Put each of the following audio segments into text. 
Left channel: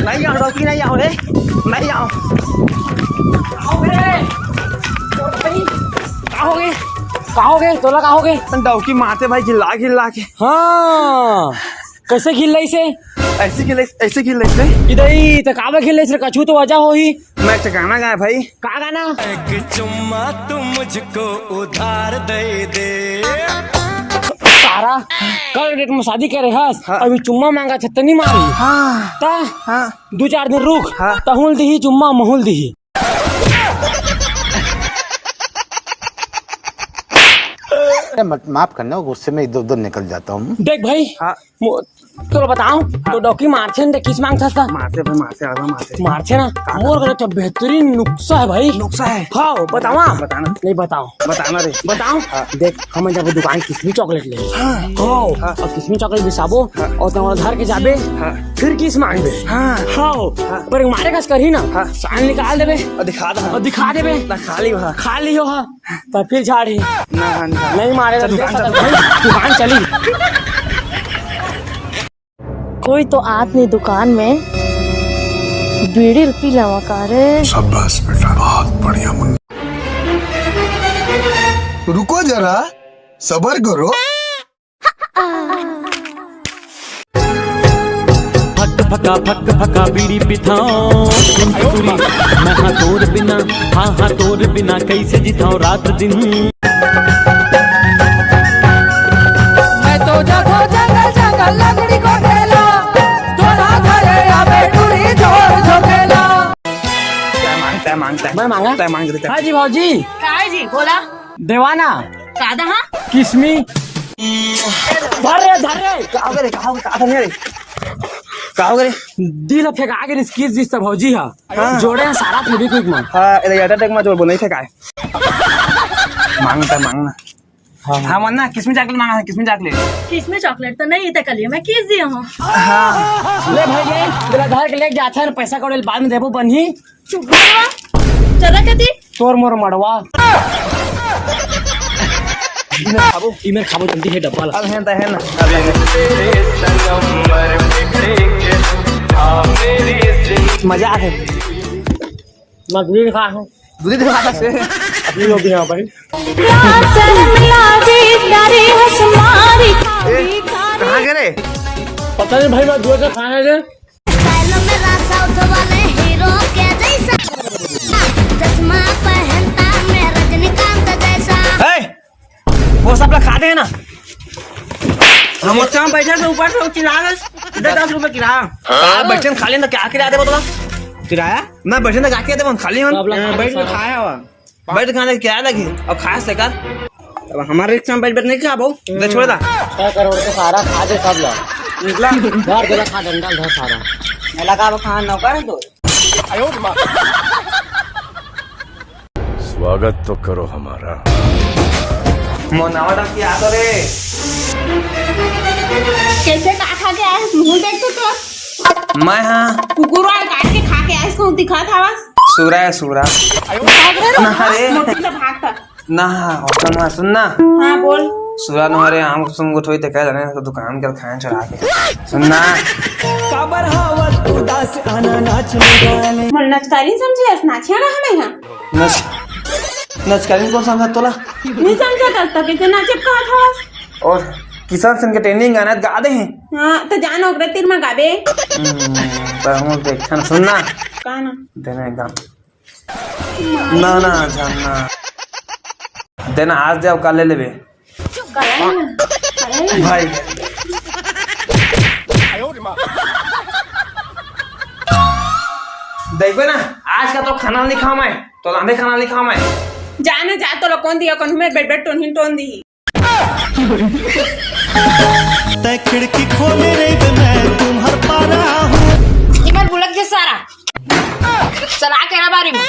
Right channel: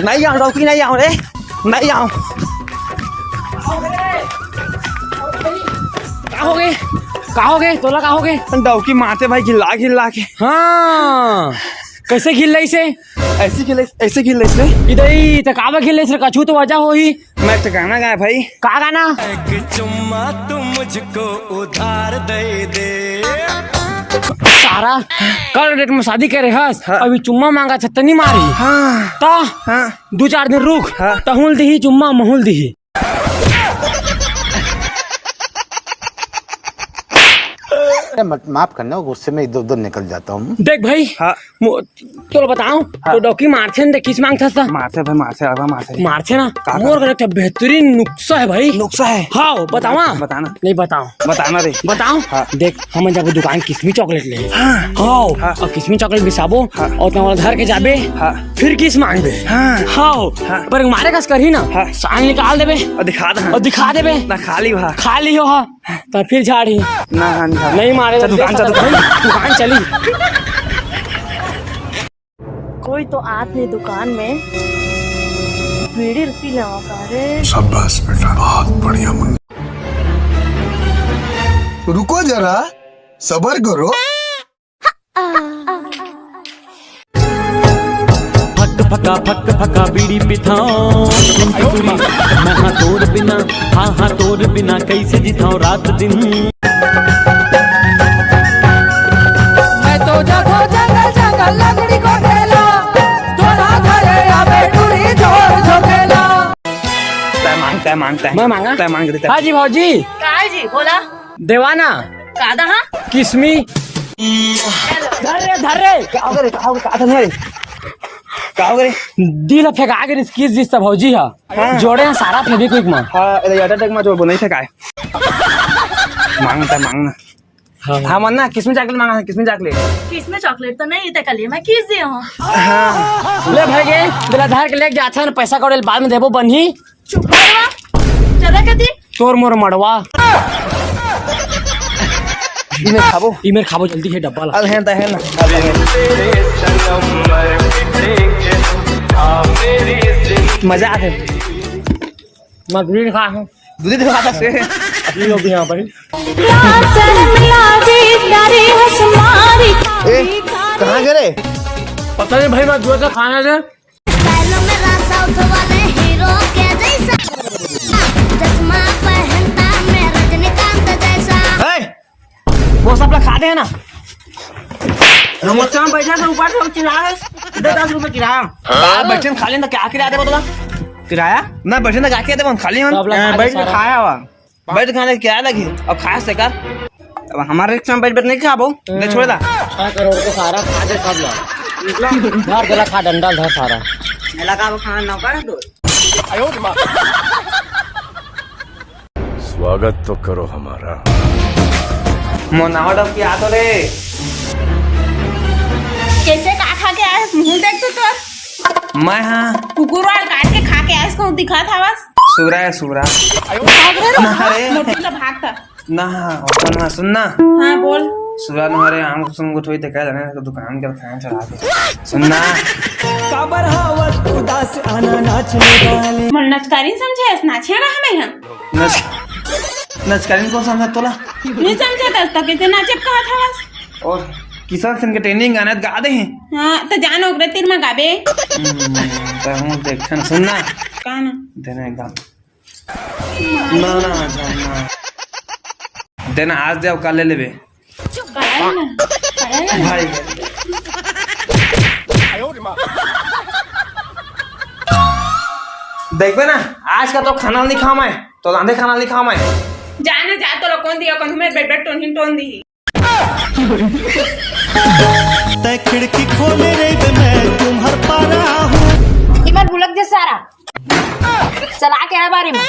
नहीं आऊँ डॉक्टर नहीं आऊँ रे नहीं आऊँ। कहाँ हो गए तोला कहाँ हो गए? डॉक्टर मारते भाई गिल्ला के। हाँ कैसे खिल रही से? ऐसे खिल रही इधर ही तो काबा खिल रही कछू तो वजह हो ही। मैं तो गाना गाया भाई। का गाना? एक चुम्मा तुम मुझको उधार दे सारा कल डेट में शादी करे हस। हाँ। अभी चुम्मा मांगा छतनी मारी। हाँ। ता हाँ। 2-4 दिन रुक। हाँ। तहुल दी चुम्मा महुल दी। माफ करना गुस्से में इधर उधर निकल जाता हूँ। देख भाई। हाँ। तो बताओ। हाँ। तो डॉक्टर मारथे न किस मांगता था? मारथे ना मोर का बेहतरीन नुस्खा है भाई। नुस्खा है? हाँ बतावा। बताना नहीं बताना रे बताओ। हाँ। देख हम जब दुकान किस्मी चॉकलेट ले। हाँ। और किस्मी चॉकलेट बिसाबो। हाँ। और तुम घर के जाबे। हाँ। फिर किस मांगबे। हाँ। हाँ। पर मारे कस करी ना। हाँ। साल निकाल देबे और दिखा देबे ना खाली हो। हाँ। तो फिर झाड़ी नहीं मारे दुकान चली। कोई तो आदमी दुकान में बीड़ी पी लगा रे। शाबाश बेटा बहुत बढ़िया मुन्ना। रुको जरा सबर करो। फक फका बीड़ी पिथाओ मैं हाँ तोर बिना कैसे जिताऊं रात दिन। मैं तो जगो जंगल लकड़ी को ढेला थोड़ा घरे आवे डूरी जोर झोकेला। मैं मांगा क्या मांग रही? हाँ जी भाजी। जी बोला देवाना कादा हाँ किस्मी धर कहा दिल फेंका के किस जिस भौजी हा जोड़े हैं सारा फेविक्विक में। हां एलेगेटर में जोड़ बोल नहीं फेंका मांगना। हाँ मन्ना किसमें चॉकलेट मांगा है? किसमें चॉकलेट तो नहीं थे कल मैं किस दी हूं। हां ले भागे दिला धार के लेके जाछे न पैसा कोड़े बाद में देबो बन्ही। चुप चला कदी तोर मोर मड़वा इमेर खाबो जल्दी है डब्बा ला है ना। मजा है मैं दूध खा हूं दूध खाता से अपनी लोग यहां पर कहां गए पता नहीं भाई मैं दूध खाने से स्टाइल में रासाउथ वाले हीरो के जैसा चश्मा पहनता मैं रजनीकांत जैसा। वो सब लोग खाते हैं ना हम अच्छा बैठा के ऊपर से चिल्ला 10 रुपए किराया बैठे खा लेना क्या किराया देबो तोला किराया मैं बैठे ना जाके देबो खाली हम बैठ के खाया हुआ बैठ खाने किराया लगी अब खाए से कर अब हमारे रिक्शा में बैठ नहीं खाबो ले छोड़ दा 6 करोड़ के सारा खा दे सब लोग निकला घर देला खा डंडा धा सारा मेला का खाना न कर दो आयो मां। स्वागत तो करो हमारा मोनावड़ा की आदो रे कैसे खा के आए मुंह देख तो मैं हां कुकुर और काट के खा के आए इसको दिखा था बस सूरा मोटी भागता ना अपन सुनना। हां बोल सूरा नहरे हम सुन गोठोई ते कह जाने तो दुकान कर खाए चढ़ा के सुनना काबर हावत उदास आना नाचने वाले मन नचकारी समझे नाचेगा हमें हां नचकारीन कौन समझा तोला नहीं समझा तो कैसे नाचे कहा था बस। और किसान संग ट्रेनिंग गाना गा दे हैं। हां तो जान ओकरे तीर में गाबे तो हम देखन सुनना का ना देना एकदम ना जानना देना आज दे कल ले लेबे भाई देखो ना आज का तो खाना नहीं खा मैं तो लांदे खाना नहीं खा मैं जाने जा तो लोग कौन दिया कौन मैं बेड बेड टोन दी तै खिड़की खोले रे मैं तुम्हार पा रहा हूँ इमर बुलक जे सारा चला के बारी में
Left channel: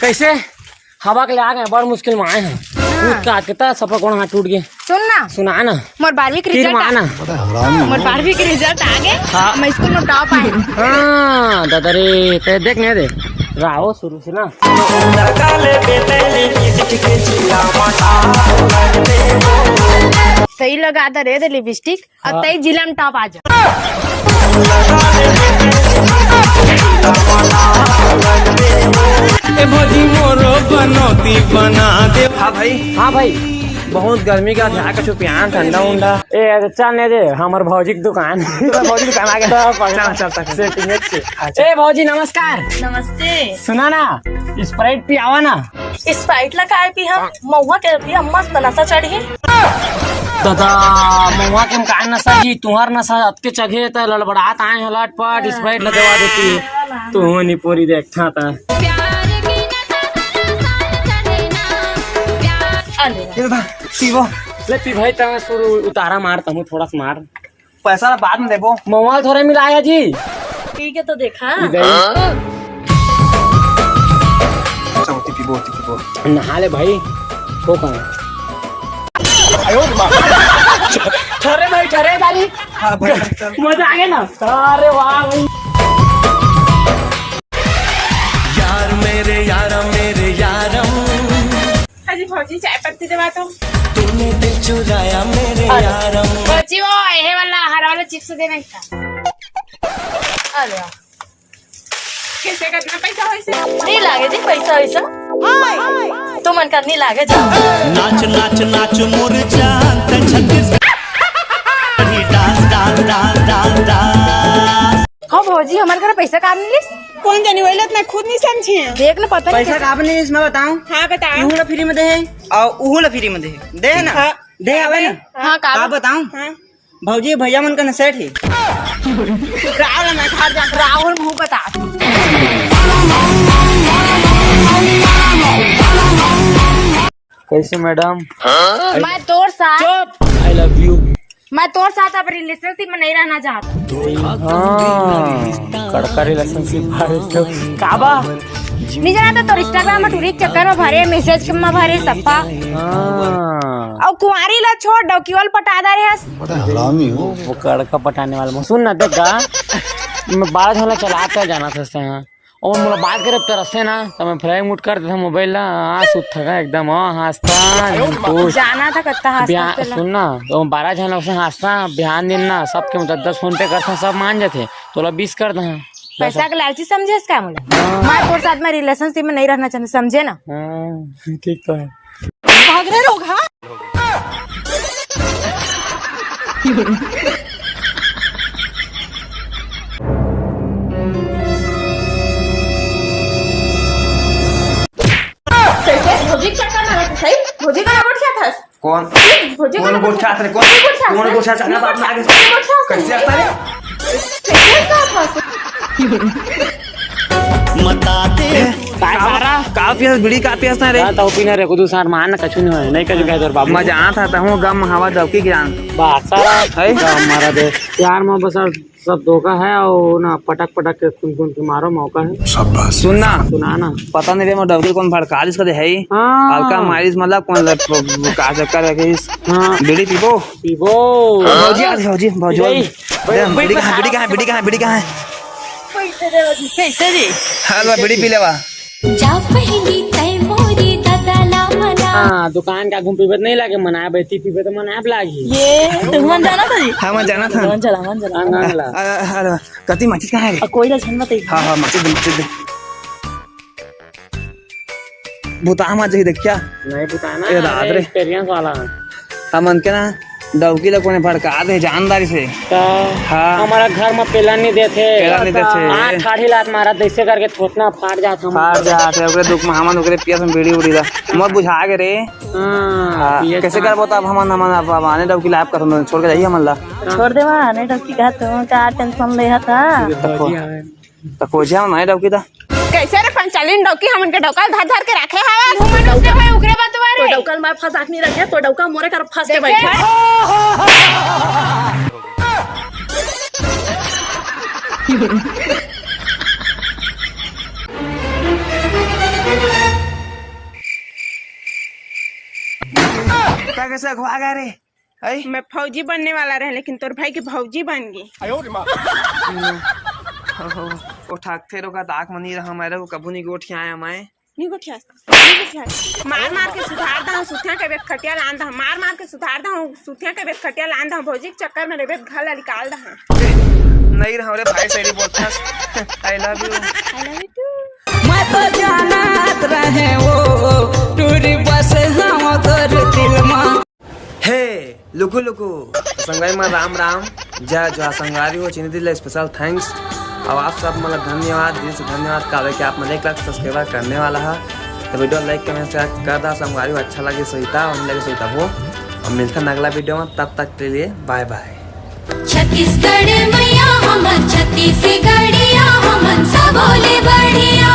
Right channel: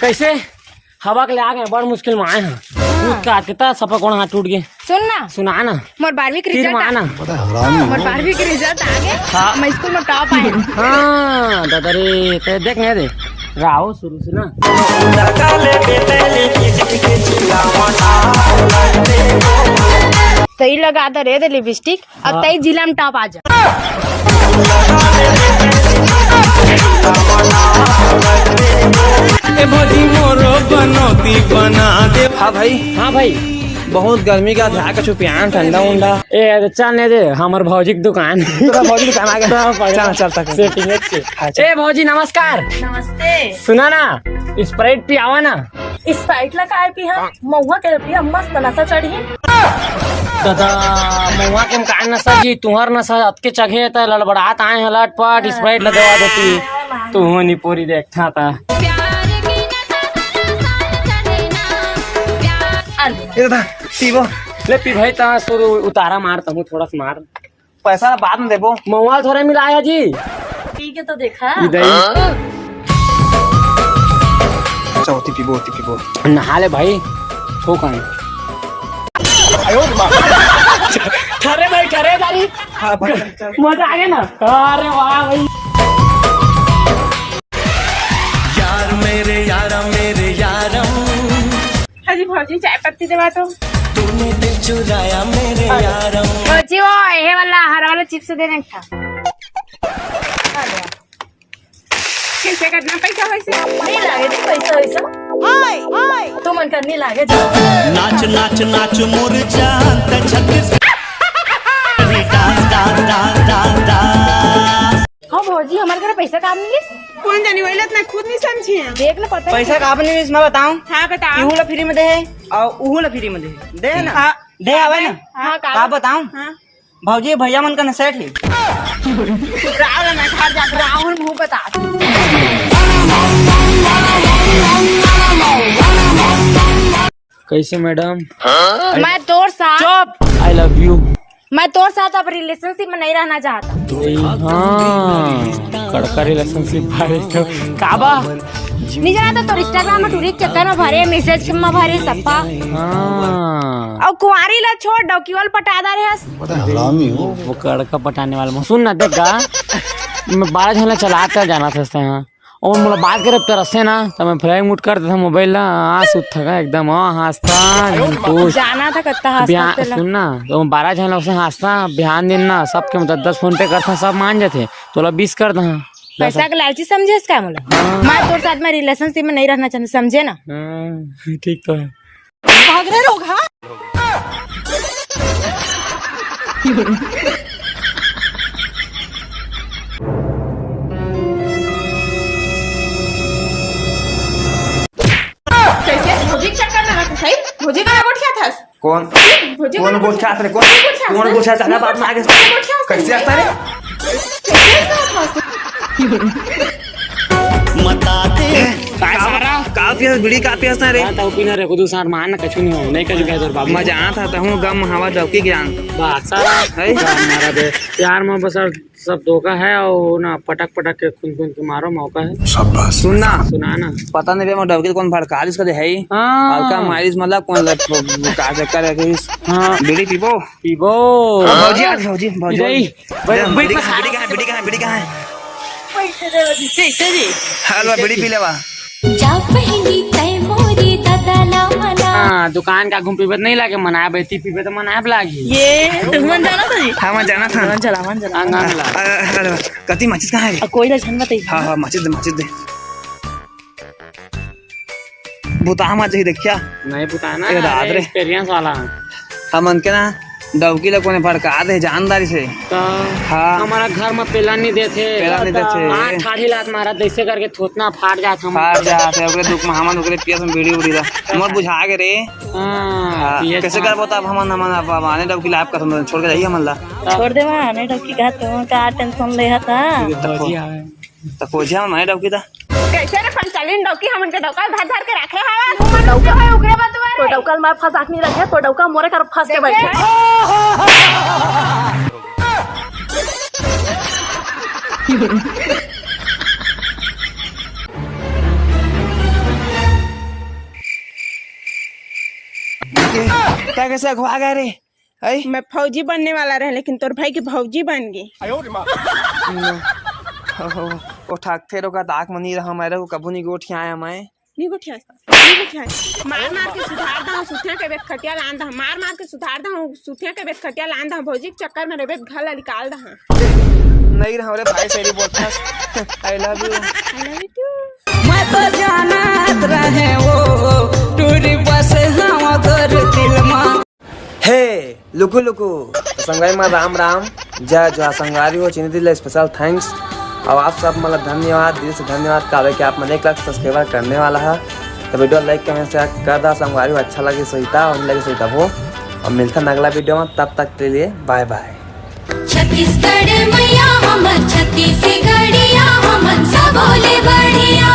कैसे हवा के ले आ गए बड़ मुश्किल में आए हैं का कितना सफर कोण हाथ टूट गए सुना ना मोर 12वीं के रिजल्ट माना मोर 12वीं के रिजल्ट आ गए। मैं स्कूल में टॉप आ गई। हां दादा रे ते देख नहीं दे राहो शुरू से ना। सही लगा दे रे लिपस्टिक, अब तई जिला में टॉप आ जा। ए भौजी मोरो बनौती बना दे। हाँ भाई बहुत गर्मी का था कछु पियान ठंडा उंडा। ए चल ने दे हमर भौजी की दुकान। भौजी दुकान आ गया। चल सेटिंग है। ए भौजी नमस्कार। नमस्ते। सुना ना स्प्राइट पियावा ना। स्प्राइट ला काय पी हम महुआ के पी हम मस्त नशा चढ़ी है। दादा महुआ के मकान नशा जी तुहर नशा अतके चघे त लड़बड़ात आए हैं लटपट स्प्राइट लगवा देती। तू नहीं पूरी देखता था। ले पी भाई ता शुरू उतारा मारता हूँ थोड़ा सा मार। पैसा बाद में देबो। महुआ थोड़ा मिलाया जी। ठीक है तो देखा। नहा ले भाई ठोक में। ठरे भाई ठरे गाड़ी। मजा आ गया ना। अरे वाह भाई यार मेरे यारम अजी भौजी चाय पत्ती देवा तो। तूने दिल चुराया मेरे यारम। भौजी वो ये वाला हरा वाला चिप्स देने का था। कैसे करना पैसा वैसे नहीं लागे थे पैसा वैसा। तो मन कर नहीं लागे नाच नाच नाच मोर जान ते छत्तीस dance dance dance dance dance. हाँ भौजी हमारे घर पैसा काम नहीं कौन जानी वही मैं खुद नहीं समझी है। देख ले पता पैसा का आपने इसमें बताऊं। हाँ बताओ। इहुला फ्री में दे है और उहुला फ्री में दे है ना। हाँ दे आवे ना। हाँ का बताऊं। हाँ भौजी भैया मन का न सेट है। राहुल ना घर जा राहुल मुंह बता। कैसे मैडम। मैं तोर साथ आई लव यू। मैं तोर साथ अब रिलेशनशिप में नहीं रहना चाहता। कड़का रिलेशनशिप काबा नहीं जाना तो इंस्टाग्राम में टूरी चक्कर में भरे मैसेज में भरे सप्पा और कुंवारी ला छोड़ डॉक्यूल पटादा रे। हरामी हो। वो कड़का पटाने वाला सुन ना देखा मैं 12 झोला चलाता जाना था यहाँ और मतलब बात करे तरसे ना तो मैं फ्लाइंग मूड कर देता मोबाइल ना आंस उठा एकदम हंसता जाना था कत्ता सुन ना तो 12 झोला से हंसता बिहान दिन ना सबके मतलब 10 फोन पे करता सब मान जाते तो 20 कर दे। पैसा के लालची समझे इसका मतलब। मैं तेरे साथ में रिलेशनशिप में नहीं रहना चाहती समझे ना। ठीक तो है। भाग रहे लोग। हाँ मुझे का वोट क्या था। कौन गोट खा रहे कौन गोट खा रहा बाप आगे कैसे आता रे। मता दे का पिया बीड़ी का पिया ना रे। तो पीना रे कुदू सार मान कछु नहीं नहीं कर दिया बाबू। मजा आता था हूं गम हवा दबकी ज्ञान बात सारा है हमारा दे प्यार में बस सब धोखा है और ना पटक पटक के खून खून के मारो मौका है। शाबाश। सुनना सुनाना पता नहीं मैं डबकी कौन भड़का इसका दे है ही। हल्का मारिस मतलब कौन का चक्कर है कि बीड़ी पीबो भौजी भौजी भौजी बीड़ी कहां है हेलो बीड़ी पी लेवा। जा पहली तय मोरी ददला मना। दुकान का घूम पीबे नहीं लागे मनाया बेती पीबे तो मनाया लागी। ये मन जाना था जी। हाँ मैं जाना था। मन चला अरे कति माचिस कहाँ है। कोई ना छन बताई। हाँ माचिस दे बुता मत जाही देखिया नहीं बताना ये रात रे एक्सपीरियंस वाला है। हम के ना डबकी लोग ने भड़का दे जानदारी से। तो हाँ हमारा घर में पेला नहीं देते ठाठी लात मारा जैसे करके थोतना फाट जाते ओकरे दुख में हमन ओकरे पिया से बीड़ी उड़ी दा मत बुझा के रे। हाँ कैसे कर बता अब हमन आने डबकी लाइफ का छोड़ के जाइए हमन ला छोड़ दे वहां ने डबकी का तुम का टेंशन ले था तो खोजे हम माने डबकी दा कैसे रे पंचालीन डबकी हमन के डबका धर धर के रखे हवा डबका भाई ओकरे बात बारे तो डबका में फंसा नहीं रखे तो डबका मोरे कर फंस के बैठे। क्या कैसे अगवा गए रे। मैं फौजी बनने वाला रहे लेकिन तोर भाई की भौजी बन गई। उठाते रोका ताक मनी रहा मेरे को कबू नहीं गोठ आया मैं नहीं गुठिया मार मार के सुधार दा सुथिया के बेत खटिया लान दा मार मार के सुधार दा सुथिया के बेत खटिया लान दा भौजी के चक्कर में रेबे घर निकाल दा नहीं रहा रे भाई तेरी बोलता आई लव यू मैं तो जानत रहे वो टूरी बस हम तोर दिल में हे लुकु लुकु संगाई में राम राम जय जो संगारी हो चिन्ह दिल स्पेशल थैंक्स और आप सब मतलब धन्यवाद दिल से धन्यवाद कावे कि आप मैंने 1 लाख सब्सक्राइबर करने वाला है तो वीडियो लाइक कमेंट शेयर कर दा संगारी हो अच्छा लगे सहीता और लगे सहीता हो और मिलता है अगला वीडियो में तब तक के लिए बाय बाय छत्तीसगढ़ मैया हमर छत्तीसगढ़िया हमन सब बोले बढ़िया